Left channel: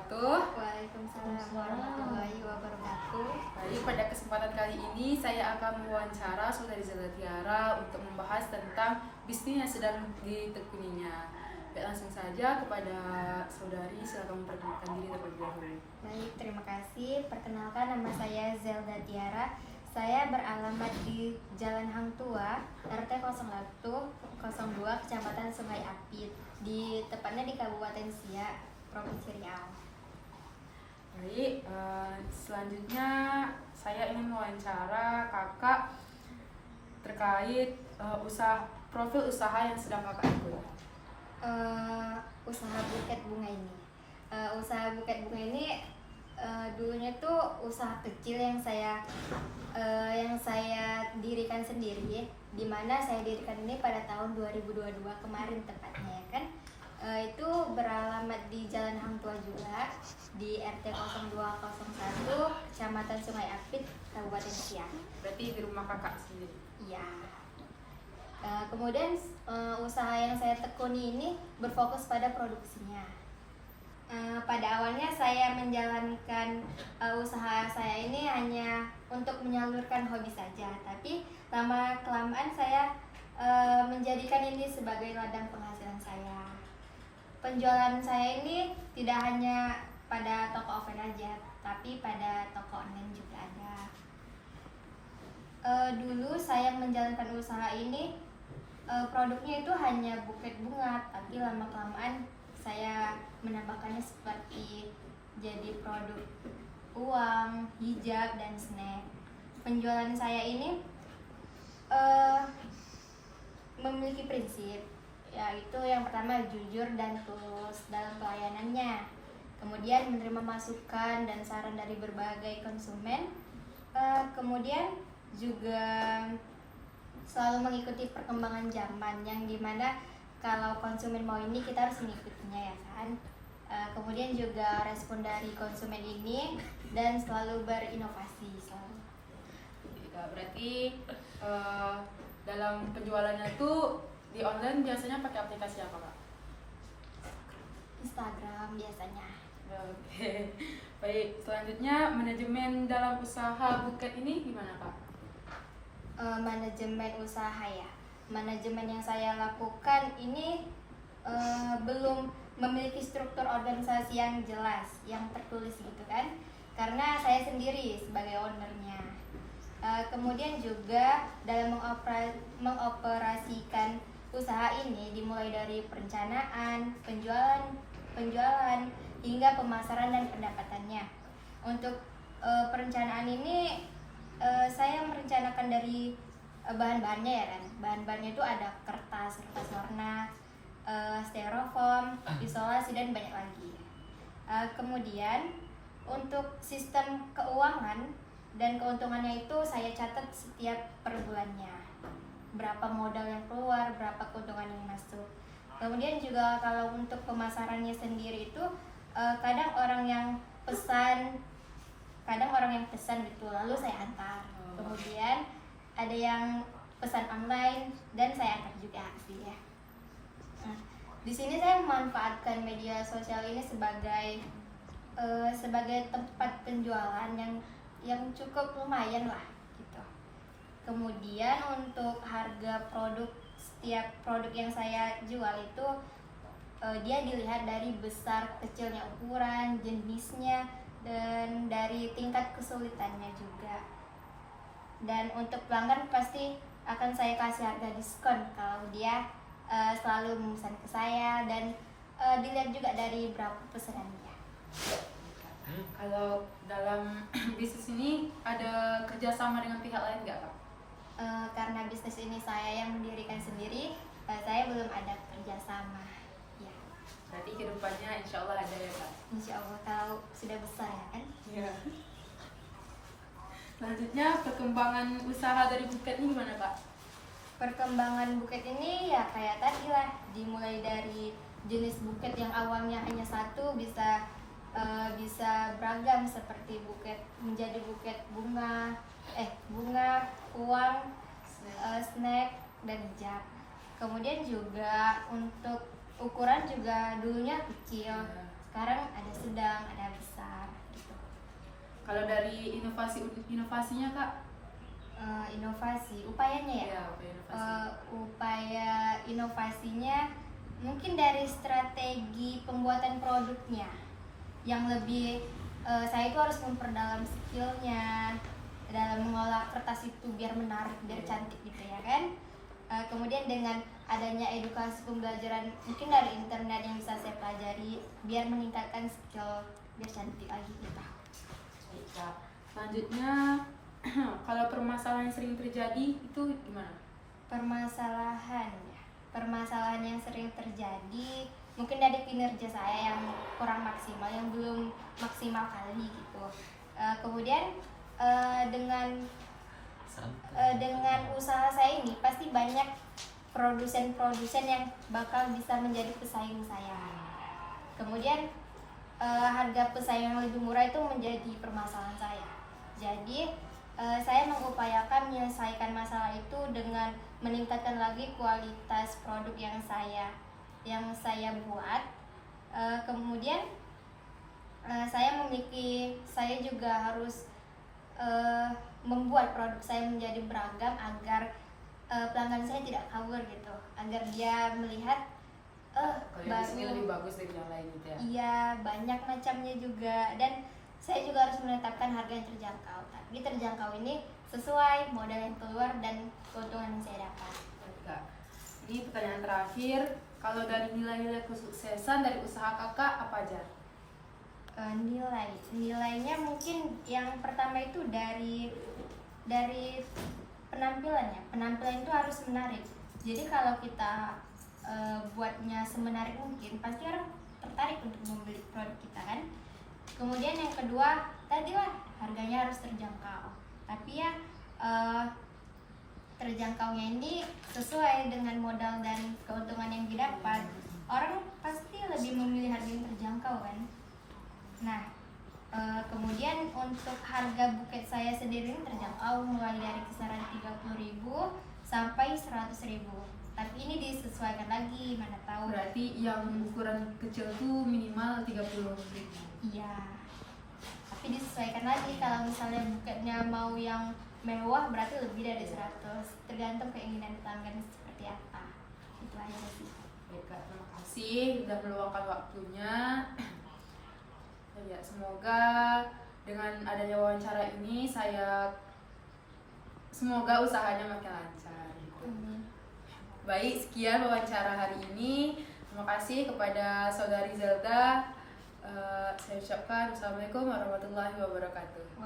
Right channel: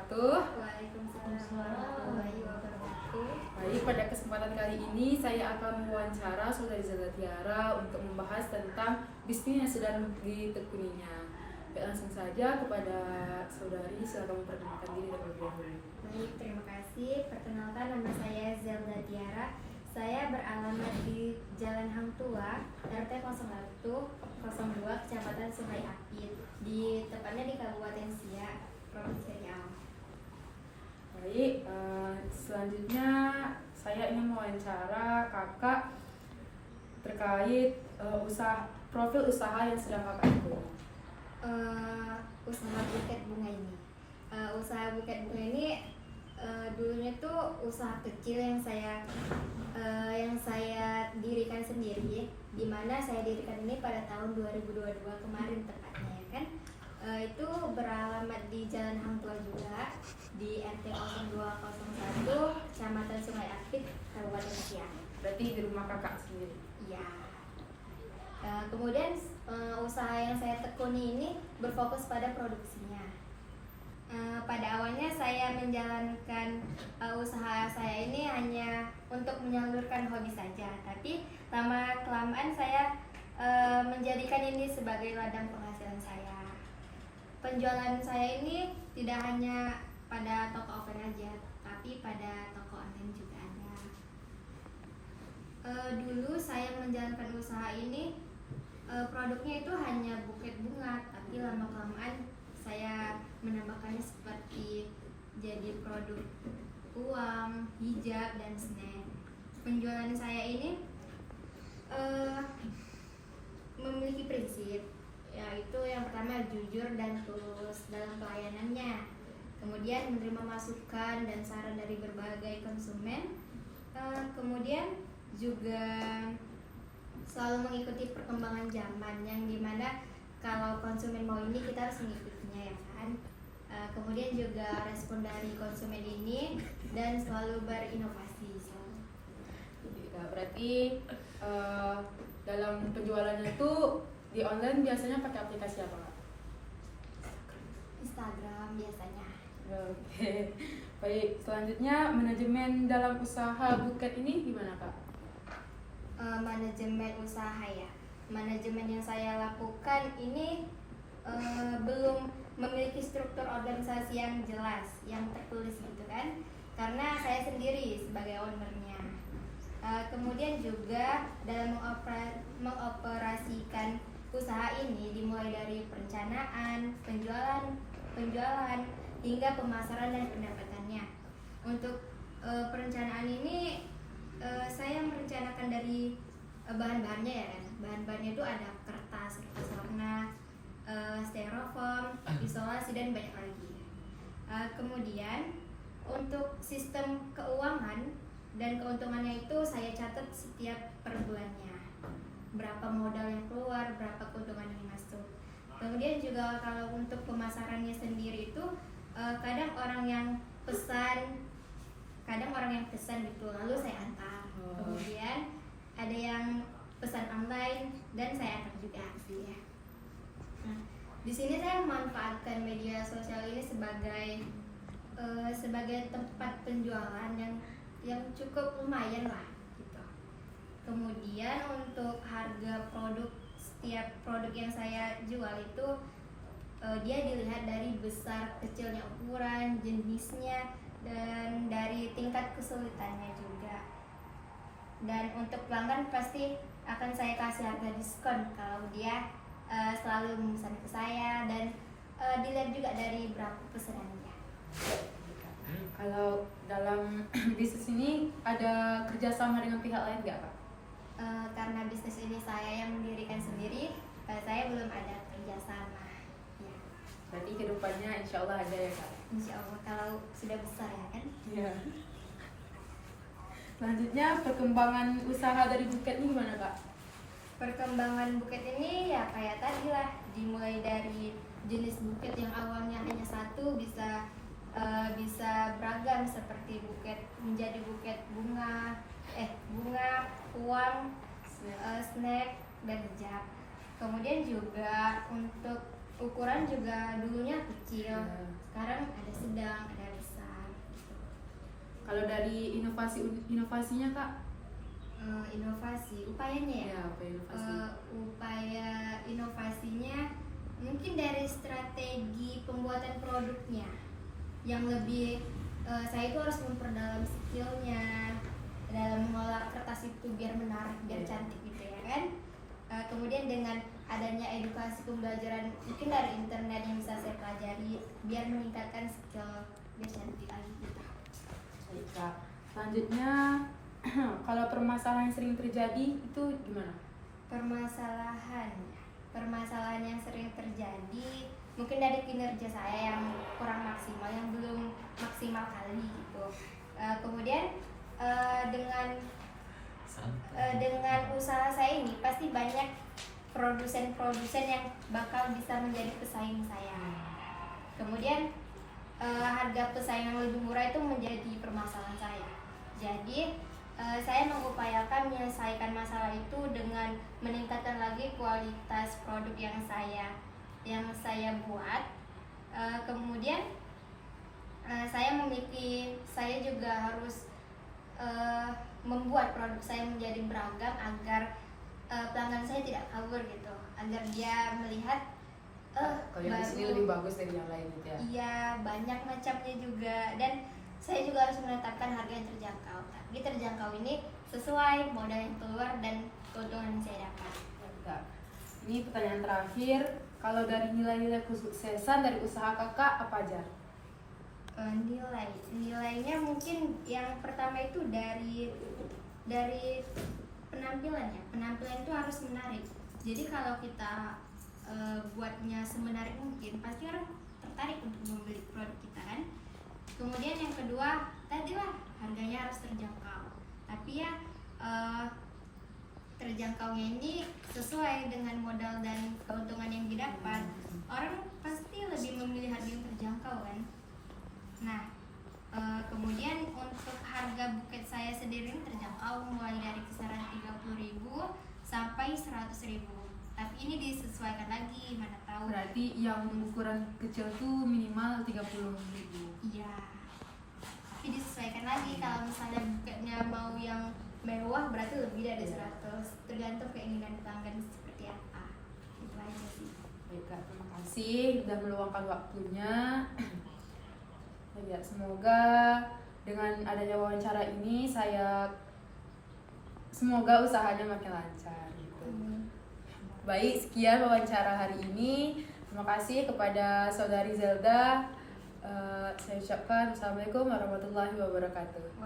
wabarakatuh. Waalaikumsalam warahmatullahi wabarakatuh. Baik, pada kesempatan kali ini saya akan mewawancara Saudari Zelda Tiara untuk membahas tentang bisnis yang sedang ditekuninya. Baik, langsung saja kepada Saudari, silakan memperkenalkan diri terlebih dahulu. Baik, terima kasih. Perkenalkan, nama saya Zelda Tiara. Saya beralamat di Jalan Hang Tua, RT 0102, Kecamatan Sungai Apit, tepatnya di Kabupaten Siak, Provinsi Riau. Baik, selanjutnya saya ingin mewawancara kakak terkait profil usaha yang sedang kakak ikuti. Usaha buket bunga ini. Usaha buket bunga ini dulunya tuh usaha kecil yang saya dirikan sendiri, di mana saya dirikan ini pada tahun 2022 kemarin tepatnya, ya kan. Itu beralamat di Jalan Hang Tua juga, di RT 0201, Kecamatan Sungai Apit, Kabupaten Siak. Berarti di rumah kakak sendiri? Iya. Kemudian usaha yang saya tekuni ini berfokus pada produksinya. Pada awalnya saya menjalankan usaha saya ini hanya untuk menyalurkan hobi saja, tapi lama-kelamaan saya menjadikan ini sebagai ladang penghasilan saya. Penjualan saya ini tidak hanya pada toko offline aja, tapi pada toko online juga ada. Dulu saya menjalankan usaha ini, produknya itu hanya buket bunga, tapi lama-kelamaan saya menambahkannya seperti jadi produk uang, hijab, dan snack. Penjualan saya ini memiliki prinsip, yaitu yang pertama jujur dan tulus dalam pelayanannya, kemudian menerima masukan dan saran dari berbagai konsumen, kemudian juga selalu mengikuti perkembangan zaman, yang dimana kalau konsumen mau ini kita harus mengikutinya, ya kan. Kemudian juga respon dari konsumen ini dan selalu berinovasi selalu. Berarti dalam penjualannya itu di online biasanya pakai aplikasi apa, Kak? Instagram biasanya. Oke. Baik, selanjutnya manajemen dalam usaha buket ini gimana, Kak? Manajemen usaha ya. Manajemen yang saya lakukan ini belum memiliki struktur organisasi yang jelas, yang tertulis gitu kan, karena saya sendiri sebagai ownernya. Kemudian juga dalam mengoperasikan usaha ini dimulai dari perencanaan, penjualan hingga pemasaran dan pendapatannya. Untuk perencanaan ini saya merencanakan dari bahan-bahannya, ya kan. Bahan-bahannya itu ada kertas warna, styrofoam, isolasi, dan banyak lagi. Kemudian untuk sistem keuangan dan keuntungannya itu saya catat setiap per bulannya, berapa modal yang keluar, berapa keuntungan yang masuk. Kemudian juga kalau untuk pemasarannya sendiri itu kadang orang yang pesan gitu, lalu saya antar. Kemudian ada yang pesan online dan saya antar juga sih, ya. Nah, di sini saya memanfaatkan media sosial ini sebagai tempat penjualan yang cukup lumayan lah gitu. Kemudian untuk harga setiap produk yang saya jual itu dia dilihat dari besar kecilnya ukuran, jenisnya, dan dari tingkat kesulitannya juga. Dan untuk pelanggan pasti akan saya kasih harga diskon kalau dia selalu memesan ke saya, dan dilihat juga dari berapa pesanannya. Kalau dalam bisnis ini ada kerjasama dengan pihak lain nggak, Kak? Karena bisnis ini saya yang mendirikan sendiri, saya belum ada kerjasama. Ya. Berarti kedepannya insya Allah ada, ya, Kak? Insya Allah kalau sudah besar, ya kan? Iya. Selanjutnya perkembangan usaha dari buket ini gimana, Kak? Perkembangan buket ini ya kayak tadi lah, dimulai dari jenis buket yang awalnya hanya satu bisa beragam, seperti buket menjadi buket bunga, uang, snack, dan hijab. Kemudian juga untuk ukuran juga dulunya kecil, sekarang ada sedang, ada besar gitu. Kalau dari inovasinya Kak? Inovasi, upayanya ya? Ya, apa inovasi? Upaya inovasinya mungkin dari strategi pembuatan produknya yang lebih saya itu harus memperdalam skillnya dalam mengolah kertas itu biar menarik, biar cantik gitu ya kan. Kemudian dengan adanya edukasi pembelajaran mungkin dari internet yang bisa saya pelajari biar meningkatkan skill biar cantik lagi gitu. Baik Kak. Selanjutnya kalau permasalahan yang sering terjadi itu gimana? Permasalahan yang sering terjadi mungkin dari kinerja saya yang kurang maksimal, yang belum maksimal kali gitu. Kemudian dengan usaha saya ini pasti banyak produsen-produsen yang bakal bisa menjadi pesaing saya. Kemudian harga pesaing yang lebih murah itu menjadi permasalahan saya. Jadi saya mengupayakan menyelesaikan masalah itu dengan meningkatkan lagi kualitas produk yang saya buat. Kemudian saya juga harus membuat produk saya menjadi beragam agar pelanggan saya tidak kabur gitu, agar dia melihat kalau yang di sini lebih bagus dari yang lain gitu ya? Iya, banyak macamnya juga, dan saya juga harus menetapkan harga yang terjangkau. Tapi terjangkau ini sesuai modal yang keluar dan keuntungan yang saya dapat. Kak, ini pertanyaan terakhir. Kalau dari nilai-nilai kesuksesan dari usaha kakak apa aja? Nilainya mungkin yang pertama itu dari penampilannya. Penampilan itu harus menarik. Jadi kalau kita buatnya semenarik mungkin, pasti orang tertarik untuk membeli produk kita kan. Kemudian yang kedua tadilah harganya harus terjangkau, tapi ya terjangkaunya ini sesuai dengan modal dan keuntungan yang didapat. Orang pasti lebih memilih harga yang terjangkau kan. Nah, kemudian untuk harga buket saya sendiri terjangkau mulai dari kisaran 30.000 sampai 100.000. Tapi ini disesuaikan lagi, mana tahu. Berarti yang ukuran kecil tuh minimal 30.000. Iya. Tapi disesuaikan lagi, kalau misalnya buketnya mau yang mewah berarti lebih dari 100. Tergantung keinginan pelanggan seperti apa. Itu aja sih. Baik Kak, terima kasih sudah meluangkan waktunya. Ya, semoga dengan adanya wawancara ini semoga usahanya makin lancar gitu. Baik, sekian wawancara hari ini. Terima kasih kepada Saudari Zelda. Saya ucapkan Assalamualaikum warahmatullahi wabarakatuh.